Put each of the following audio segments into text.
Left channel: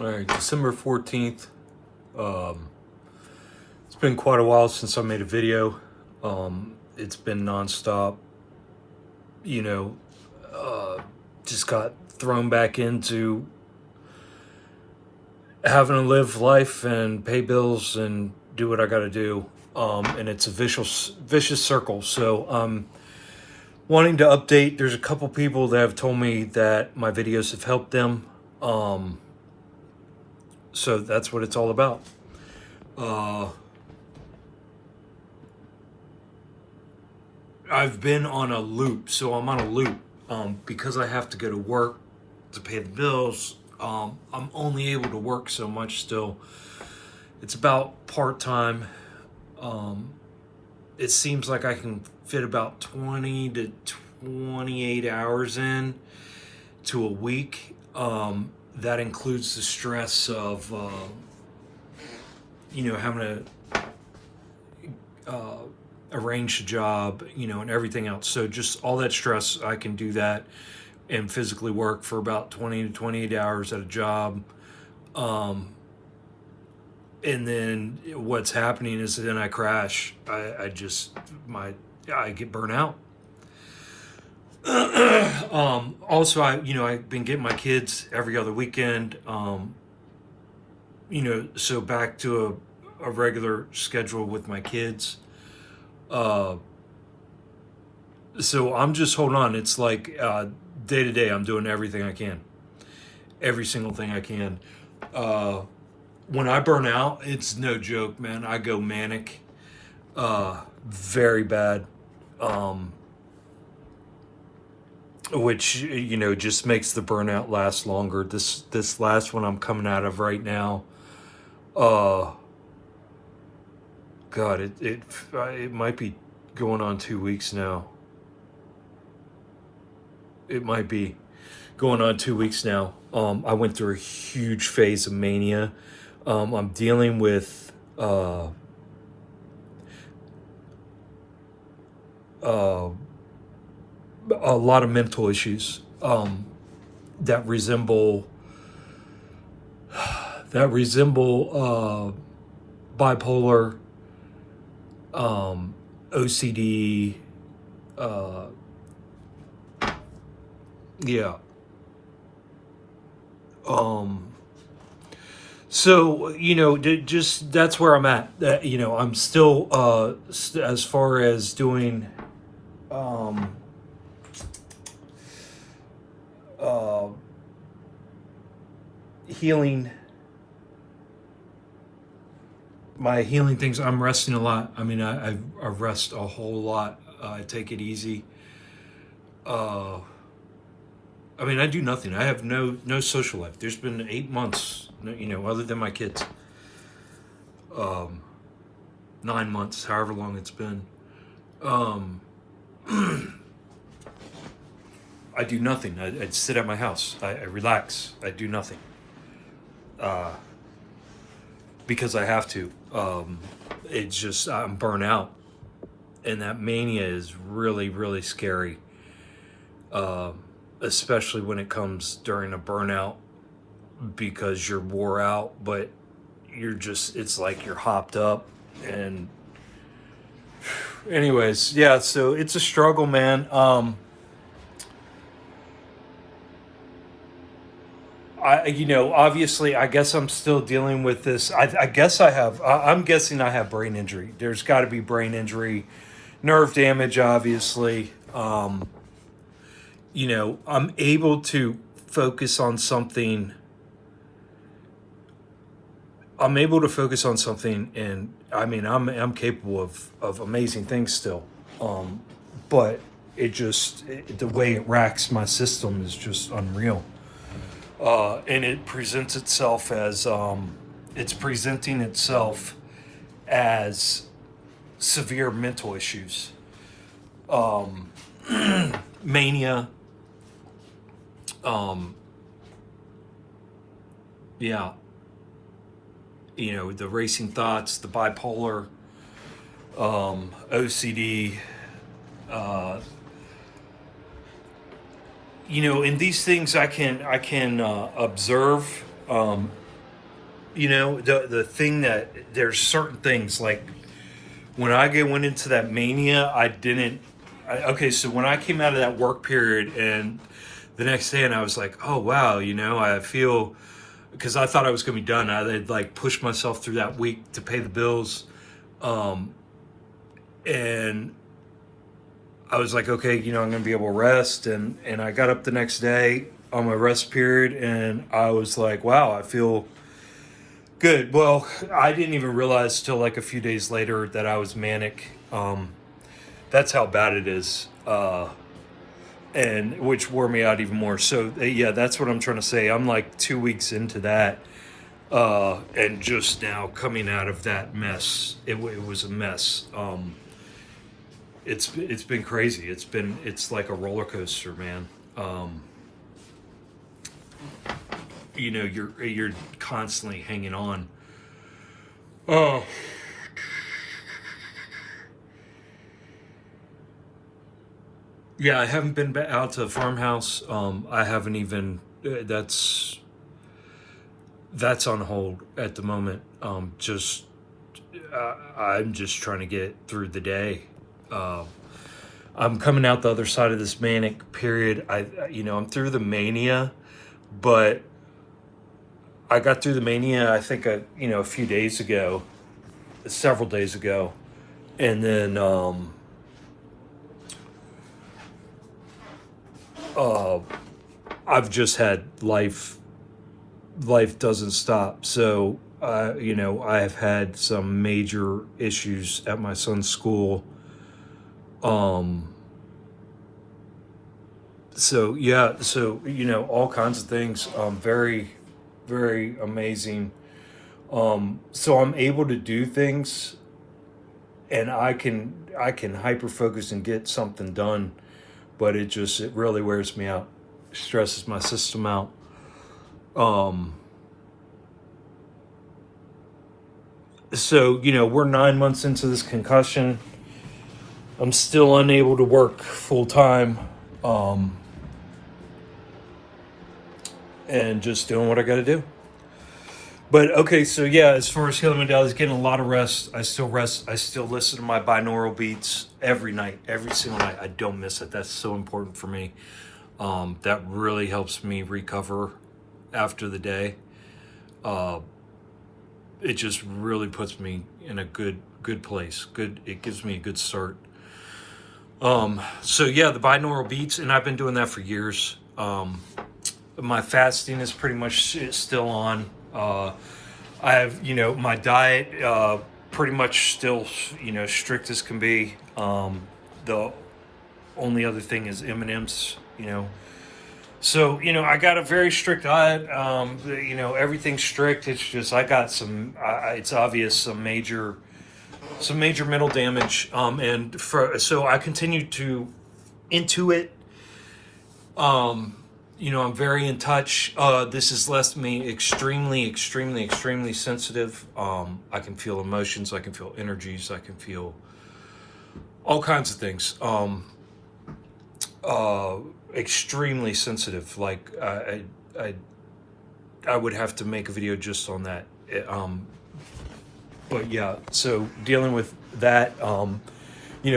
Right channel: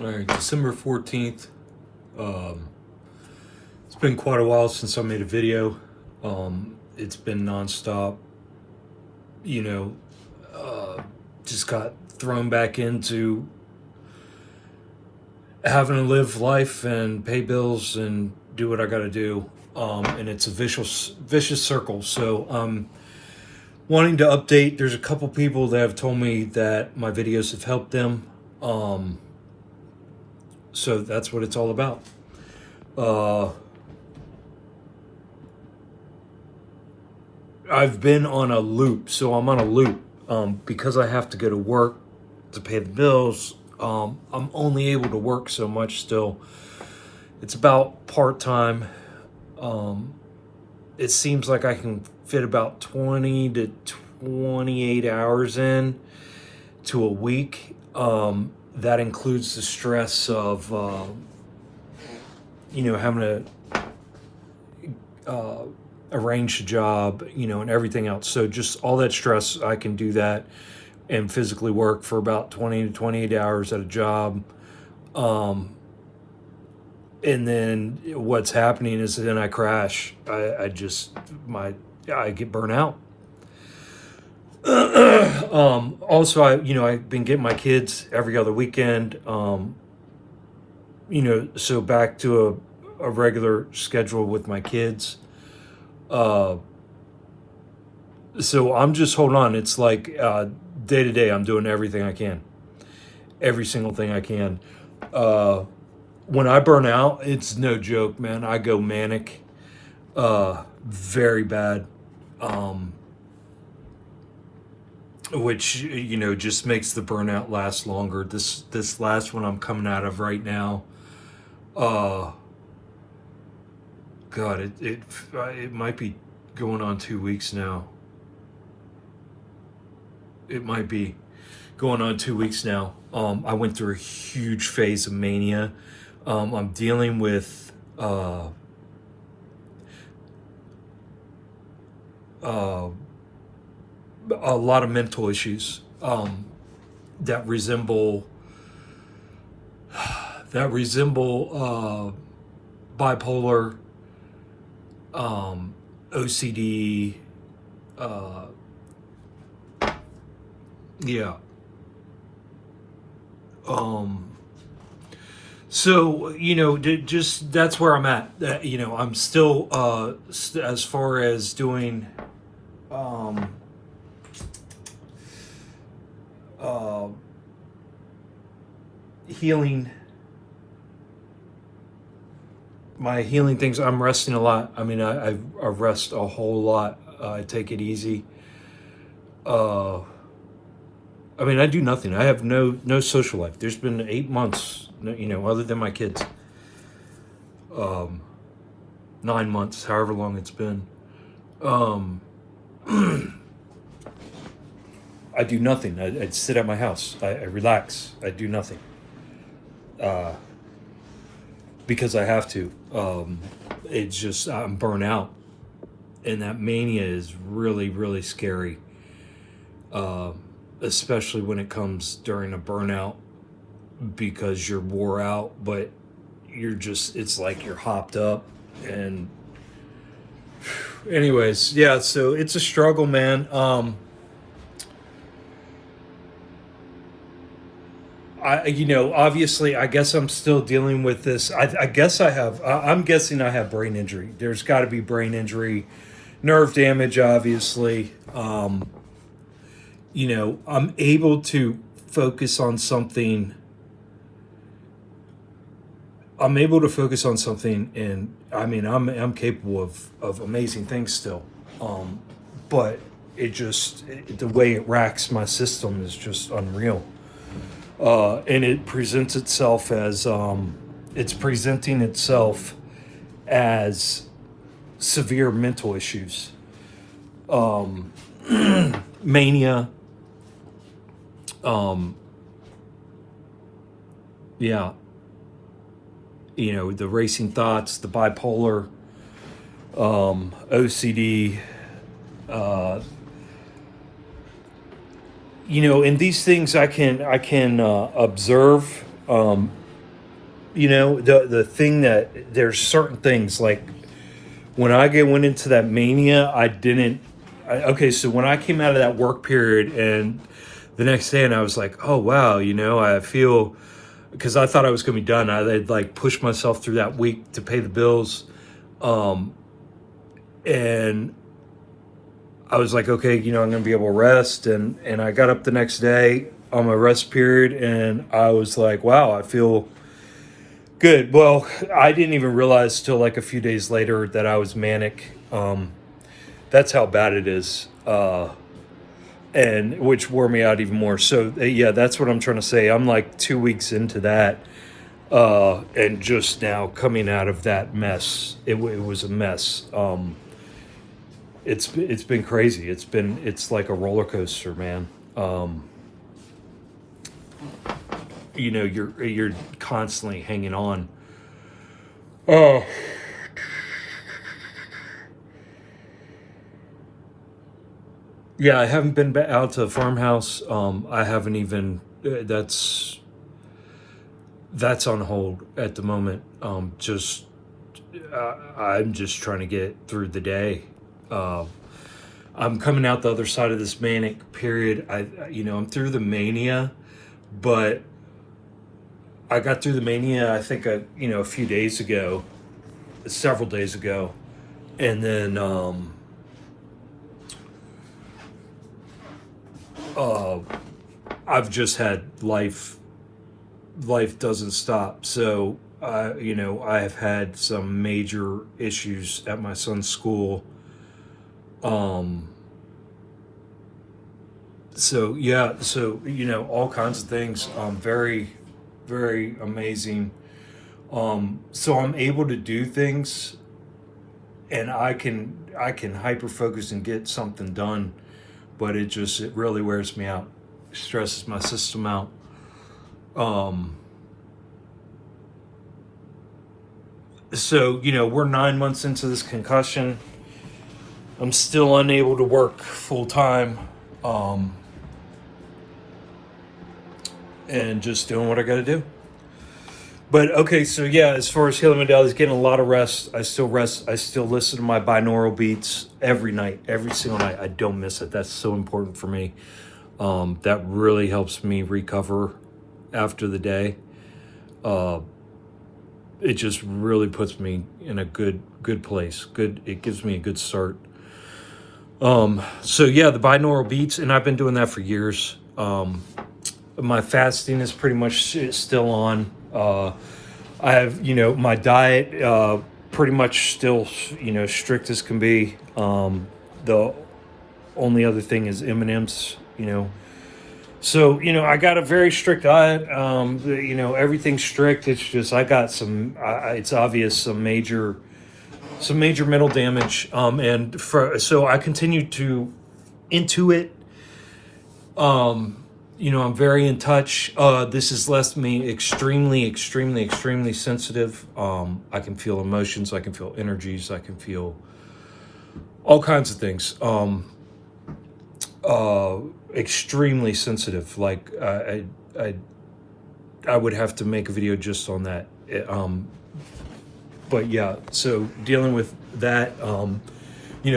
All right, December 14th. It's been quite a while since I made a video. It's been nonstop. You know, just got thrown back into having to live life and pay bills and do what I got to do. And it's a vicious circle. So, wanting to update. There's a couple people that have told me that my videos have helped them. So that's what it's all about. I've been on a loop, so I'm on a loop because I have to go to work to pay the bills. I'm only able to work so much still. It's about part-time. It seems like I can fit about 20 to 28 hours in to a week. That includes the stress of, having to arrange a job, and everything else. So just all that stress, I can do that and physically work for about 20 to 28 hours at a job. And then what's happening is then I crash. I get burnt out. Also, I've been getting my kids every other weekend. So back to a regular schedule with my kids. So I'm just holding on. It's like day to day, I'm doing everything I can, every single thing I can. When I burn out, it's no joke, man. I go manic, very bad, which just makes the burnout last longer. This last one I'm coming out of right now, God, it might be going on 2 weeks now. It might be going on 2 weeks now. I went through a huge phase of mania. I'm dealing with a lot of mental issues that resemble bipolar, OCD, yeah. So just that's where I'm at. I'm still as far as doing healing, my healing things. I'm resting a lot. I mean, I rest a whole lot. I take it easy. I do nothing. I have no social life. There's been 8 months, other than my kids. 9 months, however long it's been. I do nothing. I sit at my house. I relax. I do nothing. Because I have to. It's just, I'm burnt out. And that mania is really, really scary. Especially when it comes during a burnout, because you're wore out, but it's like you're hopped up. And anyways, yeah, so it's a struggle, man. Obviously, I guess I'm still dealing with this. I guess I'm guessing I have brain injury. There's got to be brain injury, nerve damage, obviously. I'm able to focus on something. And I'm capable of amazing things still. But the way it racks my system is just unreal. And it presents itself as, it's presenting itself as severe mental issues, mania, yeah, the racing thoughts, the bipolar, OCD, and these things I can observe The thing that there's certain things like when went into that mania, I didn't. Okay, so when I came out of that work period and the next day, and I was like, oh wow, I feel, because I thought I was gonna be done. I'd like pushed myself through that week to pay the bills, and I was like, okay, I'm gonna be able to rest, and I got up the next day on my rest period, and I was like, wow, I feel good. Well, I didn't even realize till like a few days later that I was manic. That's how bad it is, and which wore me out even more. So yeah, that's what I'm trying to say. I'm like 2 weeks into that, and just now coming out of that mess. It was a mess. It's been crazy. It's like a roller coaster, man. You're constantly hanging on. Oh, yeah, I haven't been out to the farmhouse. I haven't even. That's on hold at the moment. Just I'm just trying to get through the day. Uh, I'm coming out the other side of this manic period. I'm through the mania, but I got through the mania. I think a few days ago, several days ago, and then uh, I've just had life. Life doesn't stop. So, I have had some major issues at my son's school. Um, so yeah, so all kinds of things. Very, very amazing. So I'm able to do things, and I can hyper focus and get something done, but it really wears me out, stresses my system out. Um, so we're 9 months into this concussion. I'm still unable to work full time, um, and just doing what I got to do. But okay, so yeah, as far as healing modalities, getting a lot of rest. I still rest. I still listen to my binaural beats every night, every single night. I don't miss it. That's so important for me. That really helps me recover after the day. Uh, it just really puts me in a good place. Good. It gives me a good start. So yeah, the binaural beats, and I've been doing that for years. My fasting is pretty much still on. I have, my diet, pretty much still, strict as can be. The only other thing is M&Ms, So, I got a very strict diet. Everything's strict. It's just, I got it's obvious, some major mental damage. So I continue to into it. I'm very in touch. This has left me extremely, extremely, extremely sensitive. I can feel emotions. I can feel energies. I can feel all kinds of things. Extremely sensitive. Like I, I would have to make a video just on that. But yeah, so dealing with that,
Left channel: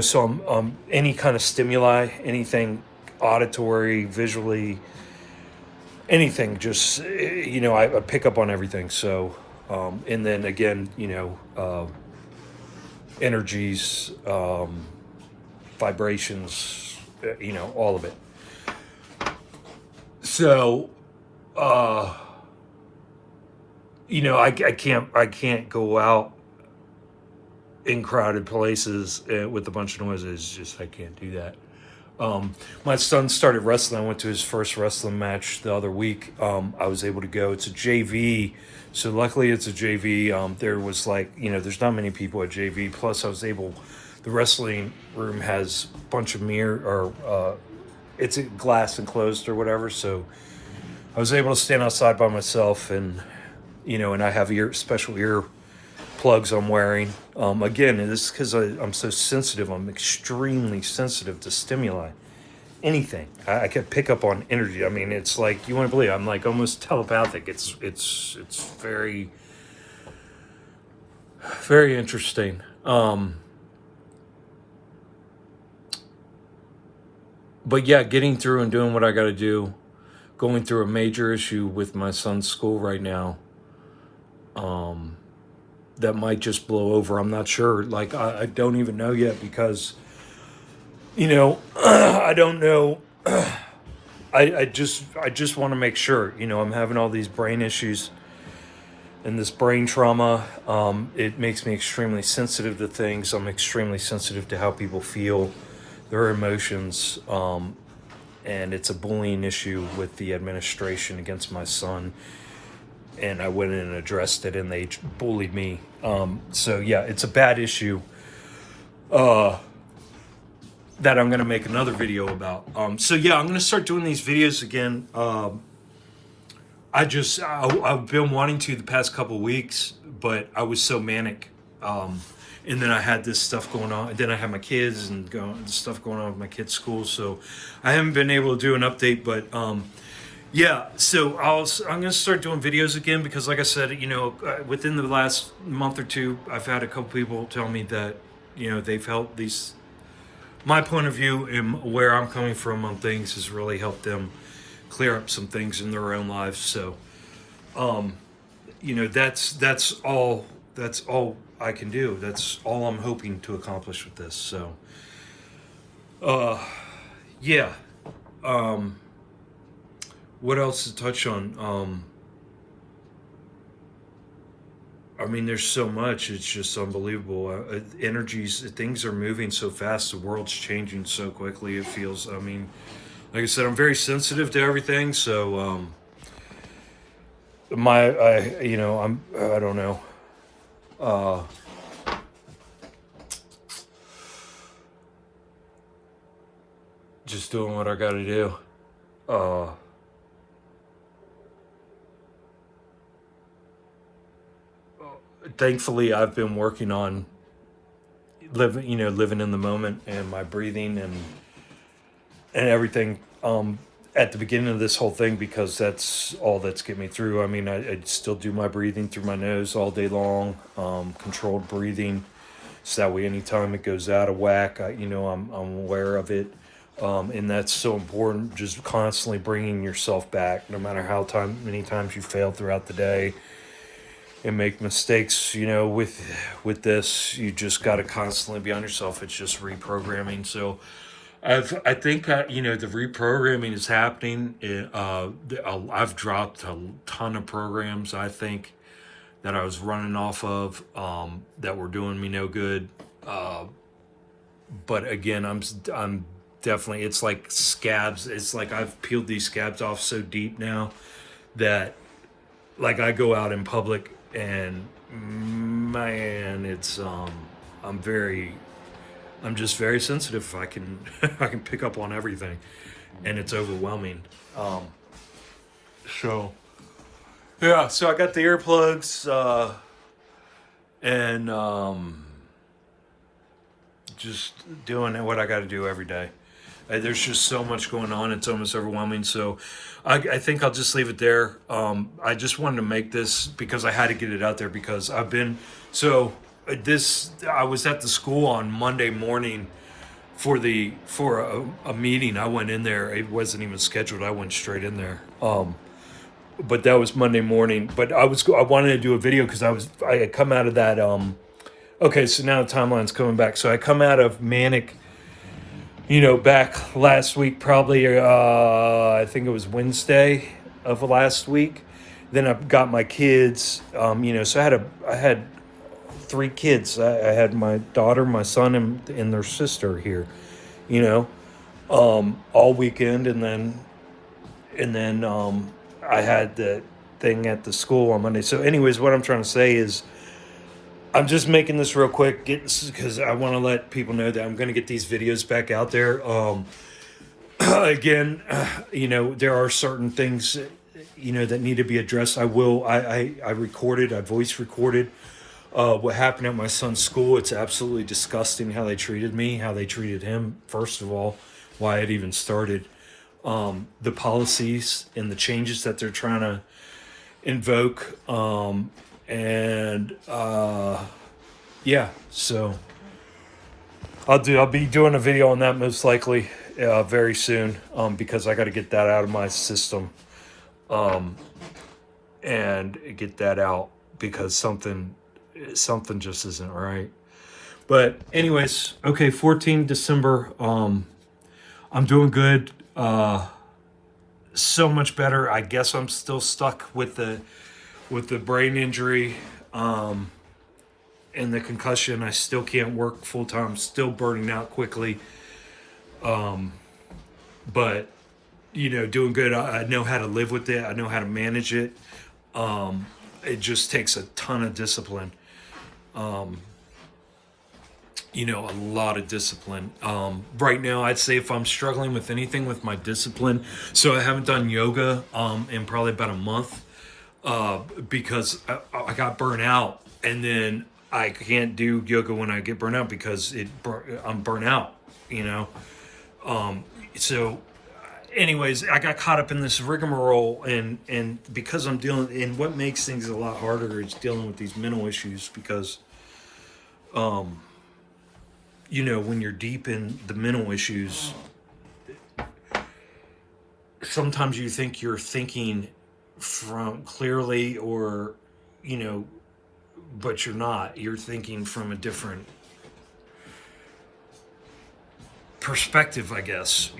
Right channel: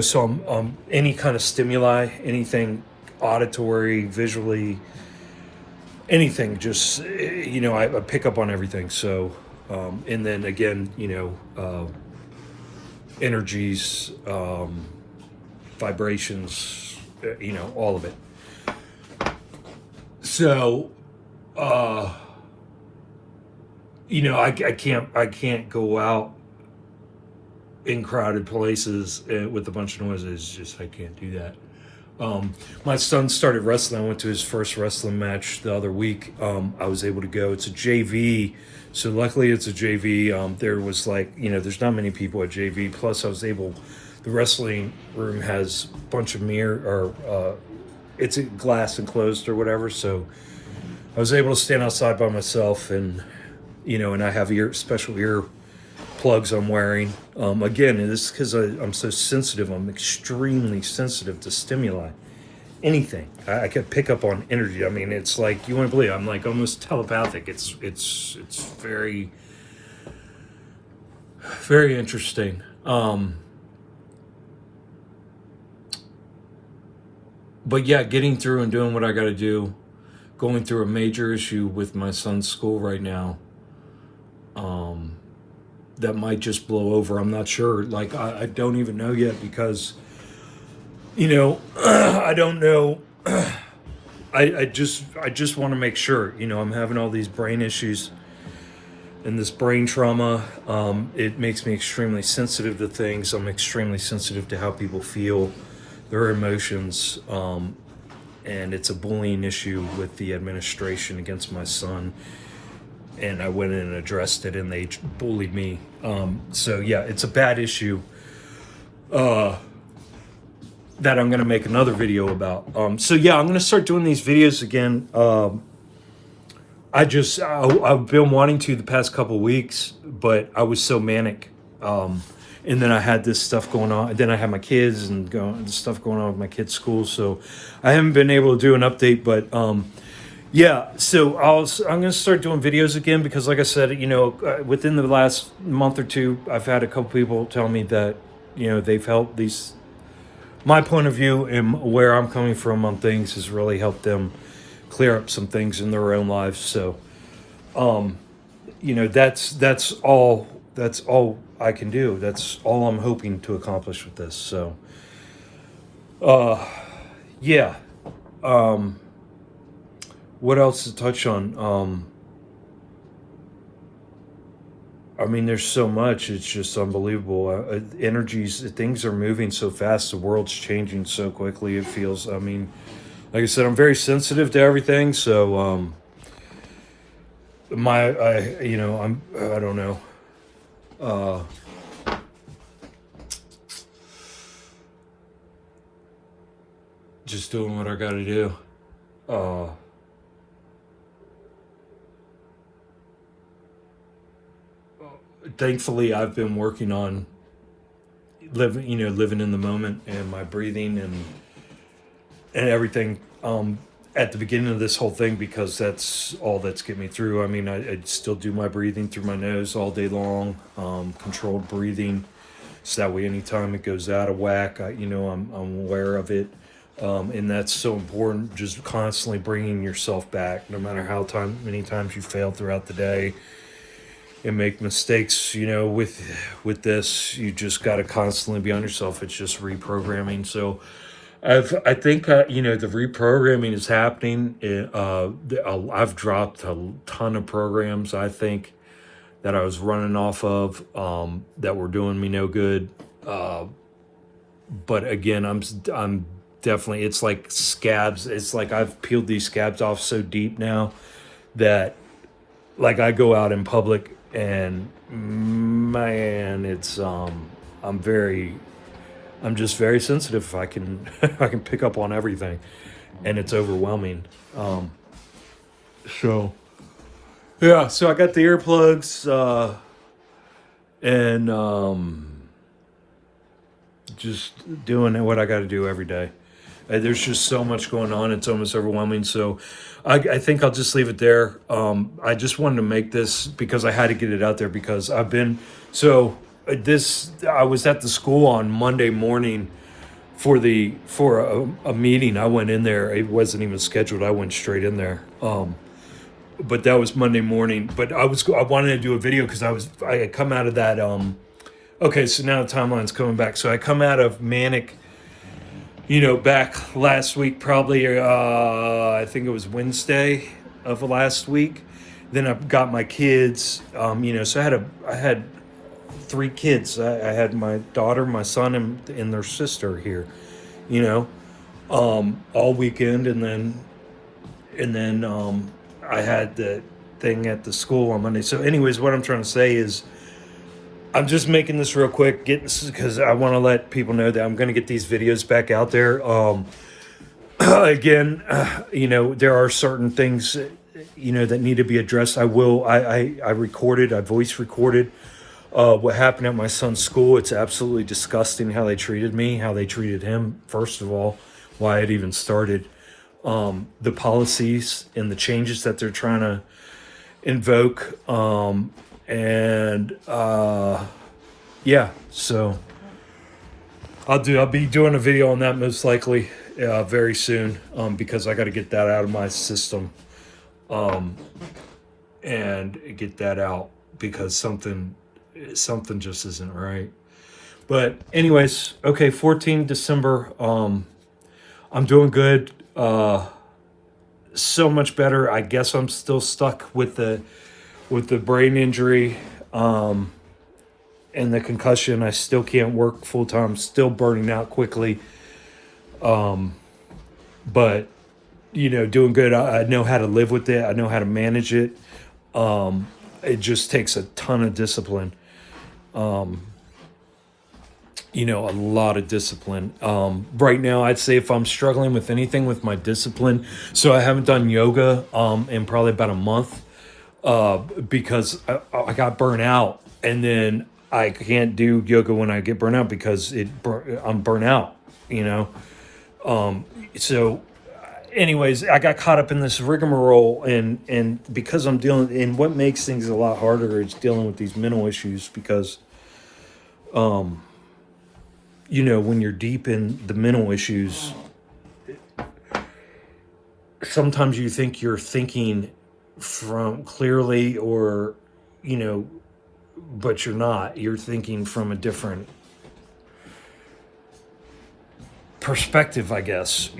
so any kind of stimuli, anything auditory, visually, anything, just, I pick up on everything. So, and then again, energies, vibrations, all of it. So, uh, I can't go out in crowded places with a bunch of noises. It's just, I can't do that. My son started wrestling. I went to his first wrestling match the other week. I was able to go. It's a JV. So luckily it's a JV. There was there's not many people at JV. Plus the wrestling room has a bunch of it's a glass enclosed or whatever. So I was able to stand outside by myself and I have special ear plugs I'm wearing. Again, this is because I'm so sensitive. I'm extremely sensitive to stimuli. anything. I could pick up on energy. I mean, it's like, you wouldn't believe it. I'm like almost telepathic. It's very, very interesting. But yeah, getting through and doing what I got to do, going through a major issue with my son's school right now, that might just blow over. I'm not sure. Like, I don't even know yet because, you know, I don't know. I just want to make sure, you know, I'm having all these brain issues and this brain trauma. It makes me extremely sensitive to things. I'm extremely sensitive to how people feel, their emotions. And it's a bullying issue with the administration against my son. And I went in and addressed it, and they bullied me. So yeah, it's a bad issue that I'm going to make another video about. So yeah, I'm going to start doing these videos again. I've been wanting to the past couple of weeks, but I was so manic. And then I had this stuff going on. And then I had my kids and stuff going on with my kids' school. So I haven't been able to do an update, but yeah. So I'm going to start doing videos again because, like I said, you know, within the last month or two, I've had a couple people tell me that, you know, they've helped these. My point of view and where I'm coming from on things has really helped them clear up some things in their own lives. So, you know, that's all I can do. That's all I'm hoping to accomplish with this. So, yeah. What else to touch on? I mean, there's so much. It's just unbelievable. Things are moving so fast. The world's changing so quickly. It feels. I mean, like I said, I'm very sensitive to everything. So, I don't know. Just doing what I got to do. Thankfully, I've been working on living in the moment and my breathing and everything. At the beginning of this whole thing, because that's all that's getting me through. I mean, I still do my breathing through my nose all day long, controlled breathing, so that way anytime it goes out of whack, I'm aware of it. And that's so important, just constantly bringing yourself back, no matter many times you fail throughout the day and make mistakes, you know, with this, you just got to constantly be on yourself. It's just reprogramming. So I think, the reprogramming is happening. I've dropped a ton of programs, I think, that I was running off of, that were doing me no good. But again, I'm definitely, it's like scabs. It's like I've peeled these scabs off so deep now that, like, I go out in public and, man, it's, I'm just very sensitive. I can pick up on everything, and it's overwhelming. So yeah, so I got the earplugs, and just doing what I got to do every day. There's just so much going on. It's almost overwhelming. So I think I'll just leave it there. I just wanted to make this because I had to get it out there because I was at the school on Monday morning for a meeting. I went in there. It wasn't even scheduled. I went straight in there. But that was Monday morning. But I wanted to do a video because I had come out of that. Okay, so now the timeline's coming back. So I come out of manic, back last week, probably, I think it was Wednesday of last week. Then I got my kids, so I had 3 kids. I had my daughter, my son, and their sister here, all weekend. And then I had the thing at the school on Monday. So anyways, what I'm trying to say is, I'm just making this real quick, because I want to let people know that I'm going to get these videos back out there. Again, there are certain things, that need to be addressed. I voice recorded what happened at my son's school. It's absolutely disgusting how they treated me, how they treated him, first of all, why it even started. The policies and the changes that they're trying to invoke. And yeah, so I'll be doing a video on that most likely very soon, because I got to get that out of my system, and get that out because something just isn't right. But anyways, okay, 14 December. I'm doing good. So much better. I guess I'm still stuck with the brain injury, and the concussion. I still can't work full time. Still burning out quickly. But doing good. I know how to live with it. I know how to manage it. It just takes a ton of discipline. A lot of discipline. Right now, I'd say if I'm struggling with anything with my discipline, so I haven't done yoga in probably about a month, because I got burnt out, and then I can't do yoga when I get burnt out because I'm burnt out. So anyways, I got caught up in this rigmarole, and because I'm dealing, and what makes things a lot harder is dealing with these mental issues, because when you're deep in the mental issues, sometimes you think you're thinking from clearly, or but you're not. You're thinking from a different perspective, I guess,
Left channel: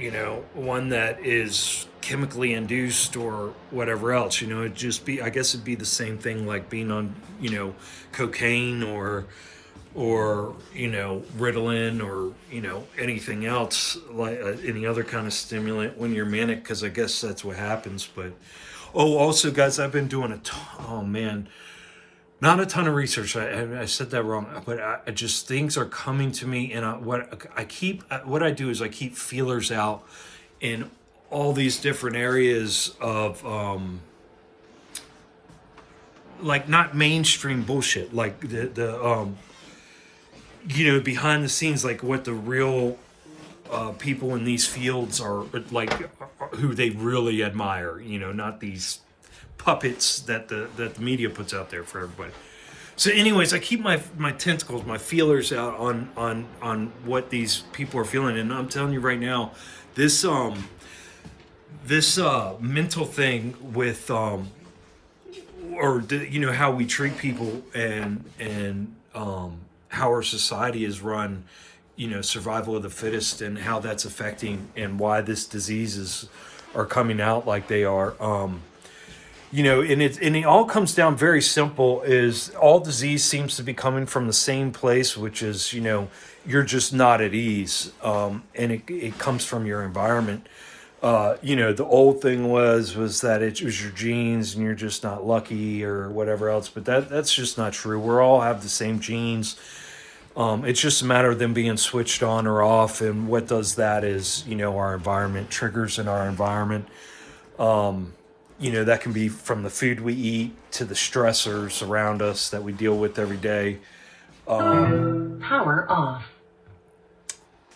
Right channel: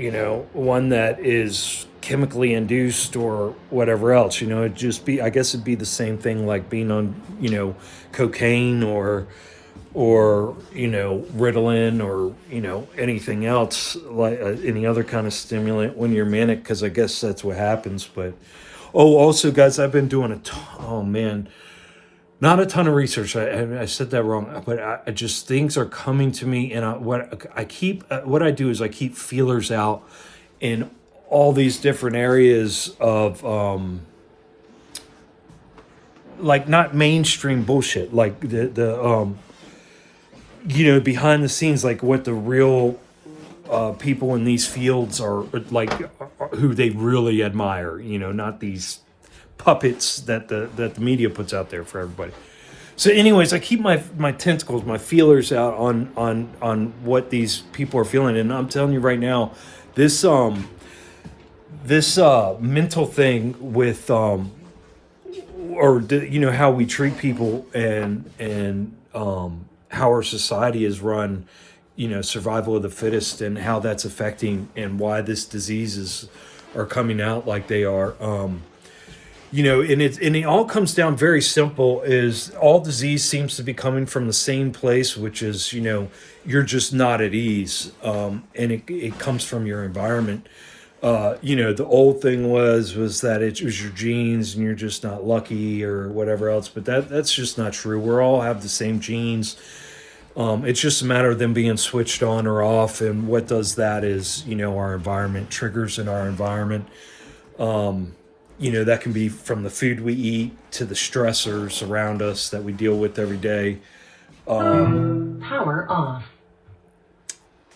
one that is chemically induced or whatever else. I guess it'd be the same thing like being on cocaine, or Ritalin, or anything else, like any other kind of stimulant when you're manic, because I guess that's what happens. But also, guys, I've been doing not a ton of research. I said that wrong, but I just, things are coming to me, and what I do is I keep feelers out in all these different areas of like not mainstream bullshit, like the behind the scenes, like what the real people in these fields are like, who they really admire. Not these puppets that the media puts out there for everybody. So anyways, I keep my tentacles, my feelers out on what these people are feeling, and I'm telling you right now, this mental thing with how we treat people, and how our society is run, survival of the fittest, and how that's affecting, and why this diseases are coming out like they are. And it all comes down very simple, is all disease seems to be coming from the same place, which is, you're just not at ease. And it comes from your environment. The old thing was that it was your genes and you're just not lucky or whatever else, but that's just not true. We all have the same genes. It's just a matter of them being switched on or off. And what does that is, our environment, triggers in our environment. That can be from the food we eat to the stressors around us that we deal with every day. Power off.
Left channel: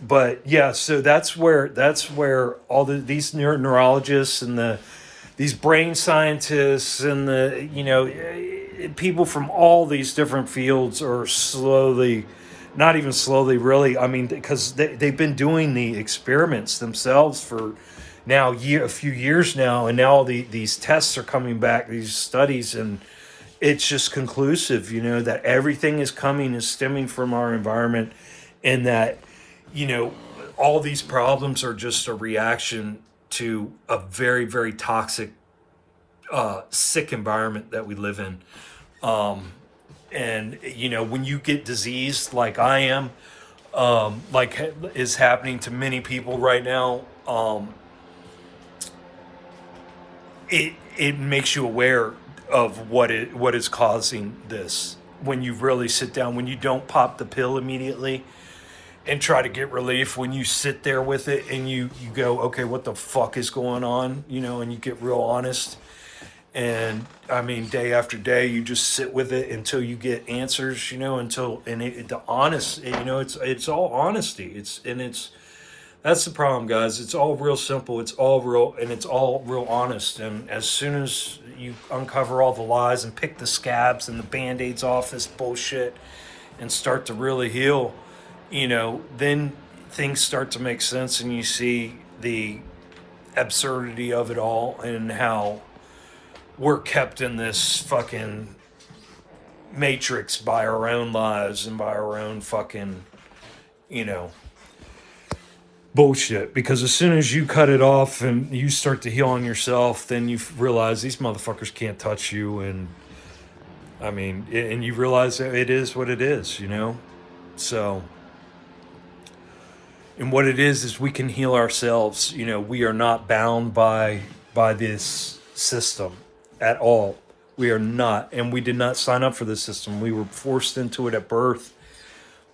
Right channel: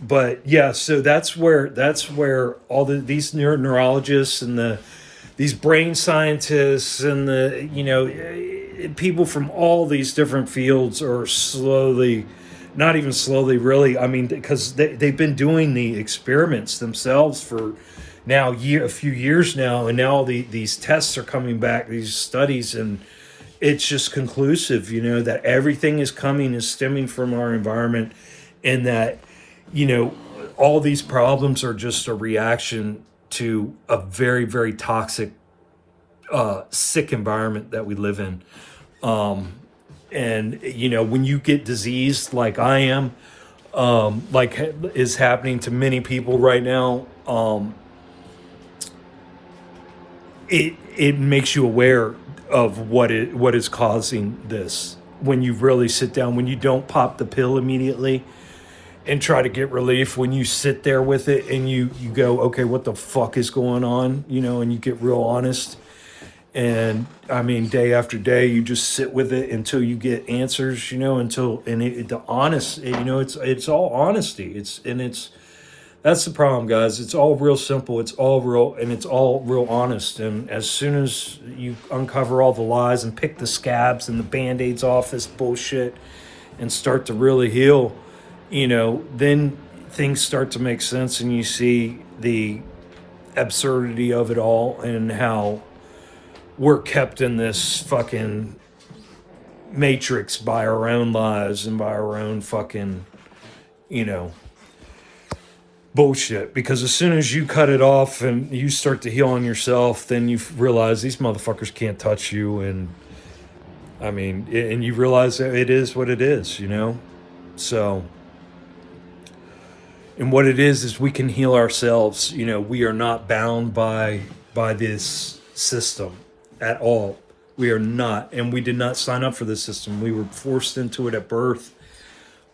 But yeah, so that's where all these neurologists and these brain scientists and people from all these different fields are slowly, not even slowly, really. I mean, because they've been doing the experiments themselves for now a few years now, and now these tests are coming back, these studies, and it's just conclusive, that everything is stemming from our environment, and that all these problems are just a reaction to a very, very toxic, sick environment that we live in. And when you get diseased like I am, like is happening to many people right now, it makes you aware of what is causing this. When you really sit down, when you don't pop the pill immediately and try to get relief, when you sit there with it and you go, okay, what the fuck is going on? And you get real honest. And I mean, day after day, you just sit with it until you get answers, it's all honesty. It's That's the problem, guys. It's all real simple. It's all real, and it's all real honest. And as soon as you uncover all the lies and pick the scabs and the band-aids off this bullshit and start to really heal, then things start to make sense, and you see the absurdity of it all and how we're kept in this fucking matrix by our own lies and by our own fucking, bullshit. Because as soon as you cut it off and you start to heal on yourself, then you realize these motherfuckers can't touch you. And I mean, and you realize that it is what it is, So, and what it is we can heal ourselves. We are not bound by this system at all. We are not, and we did not sign up for this system. We were forced into it at birth.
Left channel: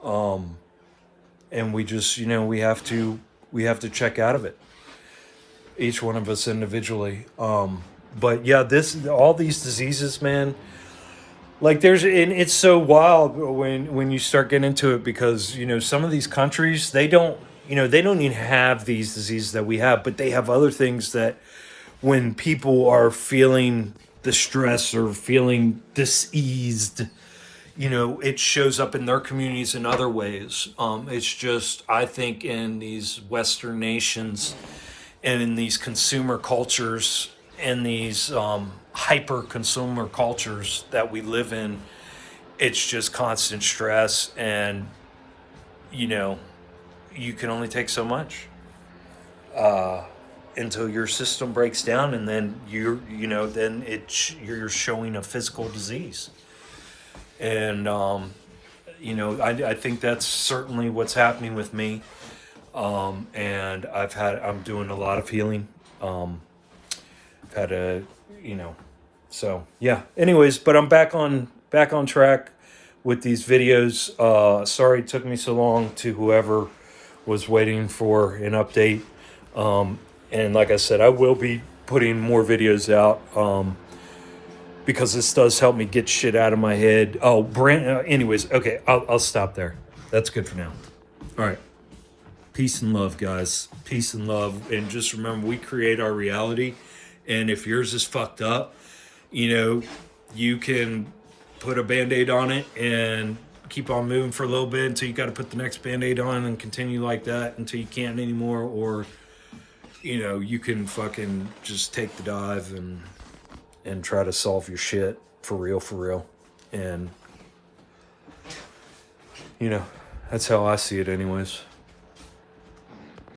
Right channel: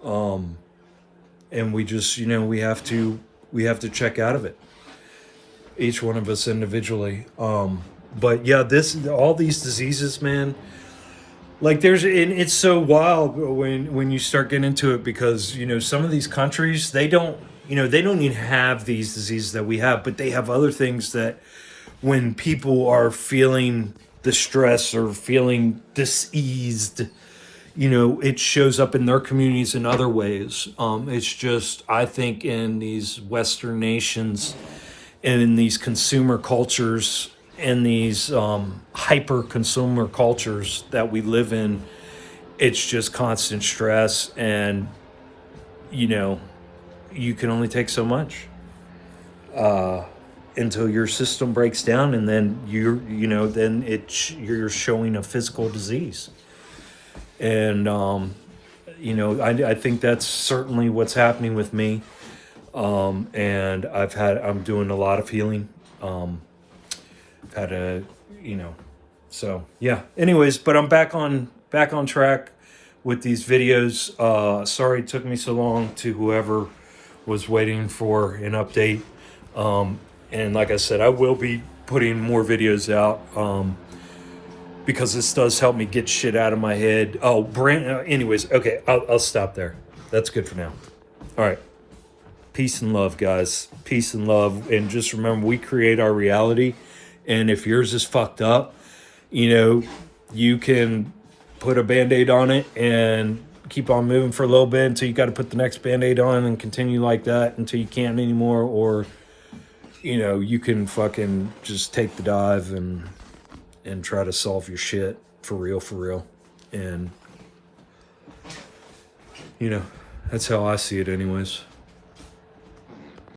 And we just, we have to check out of it. Each one of us individually. But yeah, all these diseases, man, like and it's so wild when you start getting into it, because, some of these countries, they don't even have these diseases that we have, but they have other things that when people are feeling the stress or feeling diseased, it shows up in their communities in other ways. It's just, I think in these Western nations and in these consumer cultures and these hyper consumer cultures that we live in, it's just constant stress, and, you can only take so much until your system breaks down, and then you're showing a physical disease. And, I think that's certainly what's happening with me. And I'm doing a lot of healing. So yeah, anyways, but I'm back on track with these videos. Sorry it took me so long, to whoever was waiting for an update. And like I said, I will be putting more videos out. Because this does help me get shit out of my head. Oh, anyways, okay, I'll stop there. That's good for now. All right. Peace and love, guys. Peace and love. And just remember, we create our reality. And if yours is fucked up, you can put a Band-Aid on it and keep on moving for a little bit until you got to put the next Band-Aid on and continue like that until you can't anymore. Or, you can fucking just take the dive and try to solve your shit for real. And, that's how I see it anyways.